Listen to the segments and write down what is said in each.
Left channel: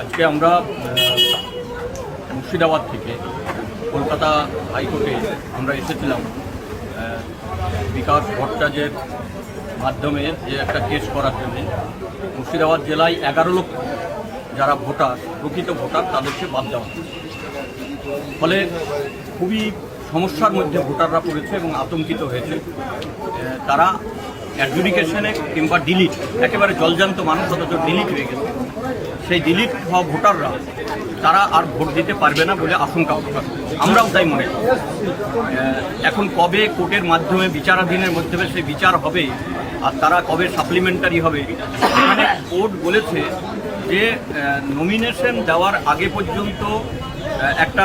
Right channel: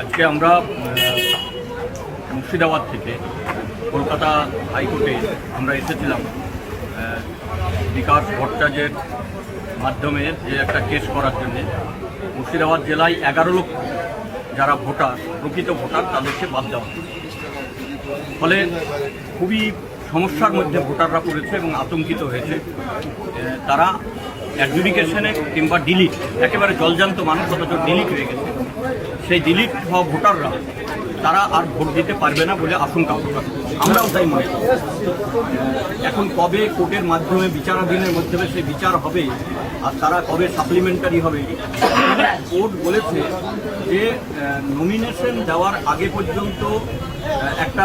আজকে আমরা মুর্শিদাবাদ থেকে কলকাতা হাইকোর্টে আমরা এসেছিলাম বিকাশ ভট্টাচার্যের মাধ্যমে যে একটা কেস করার জন্য। মুর্শিদাবাদ জেলায় 11 লক্ষ যারা ভোটার, প্রকৃত ভোটার, তাদেরকে বাদ দেওয়া, ফলে খুবই সমস্যার মধ্যে ভোটাররা পড়েছে এবং আতঙ্কিত হয়েছে। তারা অ্যাডজুডিকেশনে কিংবা ডিলিট, একেবারে জলজান্ত মানুষ অথচ ডিলিট হয়ে গেছে, সেই ডিলিট হওয়া ভোটাররা তারা আর ভোট দিতে পারবে না বলে আশঙ্কা প্রকাশ করছে। আমরাও তাই মনে করি। এখন কবে কোর্টের মাধ্যমে বিচারাধীনের মাধ্যমে সেই বিচার হবে আর তারা কবে সাপ্লিমেন্টারি হবে, এখানে কোর্ট বলেছে যে নমিনেশন দেওয়ার আগে পর্যন্ত একটা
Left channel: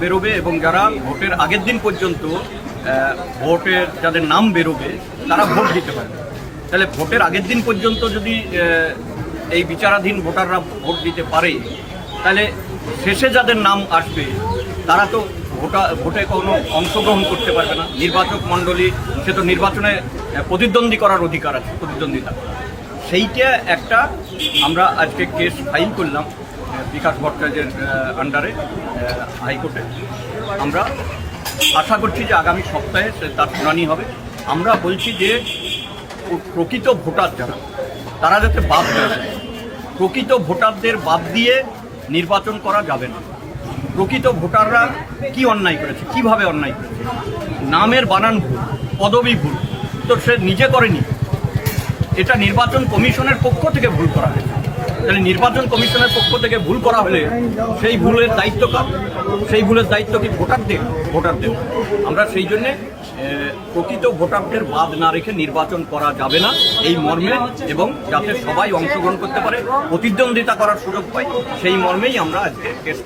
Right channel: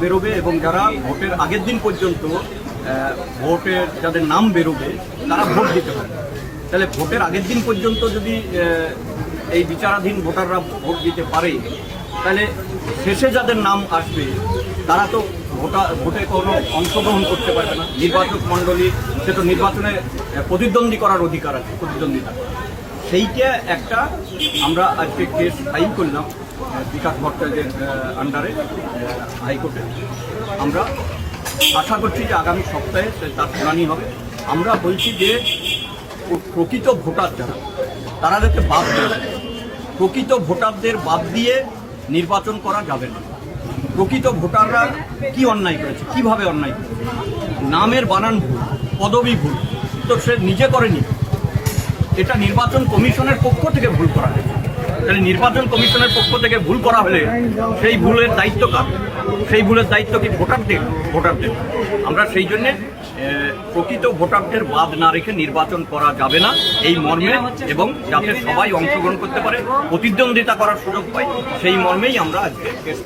বেরোবে এবং যারা ভোটের আগের দিন পর্যন্ত ভোটের যাদের নাম বেরোবে তারা ভোট দিতে পারবে। তাহলে ভোটের আগের দিন পর্যন্ত যদি এই বিচারাধীন ভোটাররা ভোট দিতে পারে, তাহলে শেষে যাদের নাম আসবে তারা তো ভোটে কোনো অংশগ্রহণ করতে পারবে না। নির্বাচক মণ্ডলী, সে তো নির্বাচনে প্রতিদ্বন্দ্বী করার অধিকার আছে, প্রতিদ্বন্দ্বিতা। সেইটা একটা আমরা আজকে কেস ফাইল করলাম বিকাশ ভট্টাচার্যের আন্ডারে হাইকোর্টে। আমরা আশা করছি যে আগামী সপ্তাহে তার শুনানি হবে। আমরা বলছি যে প্রকৃত ভোটার যারা, তারা যাতে বাদ দেওয়া যায়। প্রকৃত ভোটারদের বাদ দিয়ে নির্বাচন করা যাবে না। প্রকৃত ভোটাররা কি অন্যায় করেছে, কিভাবে অন্যায় করেছে, নামের বানান ভুল, পদবি ভুল, তো সে নিজে করেনি, এটা নির্বাচন কমিশনের পক্ষ থেকে ভুল করা হয়েছে। তাহলে নির্বাচন কমিশনের পক্ষ থেকে ভুল করা হলে সেই ভুলের দায়িত্ব কার? সেই ভুলের দায়িত্ব কি ভোটারদের? আমরা সেই জন্যে প্রকৃত ভোটারদের বাদ না রেখে নির্বাচন করা যাবে না এই মর্মে, এবং যাতে সবাই অংশগ্রহণ করতে পারে, প্রতিদ্বন্দ্বিতা করার সুযোগ পায়, সেই মর্মেই আমরা আজকে কেস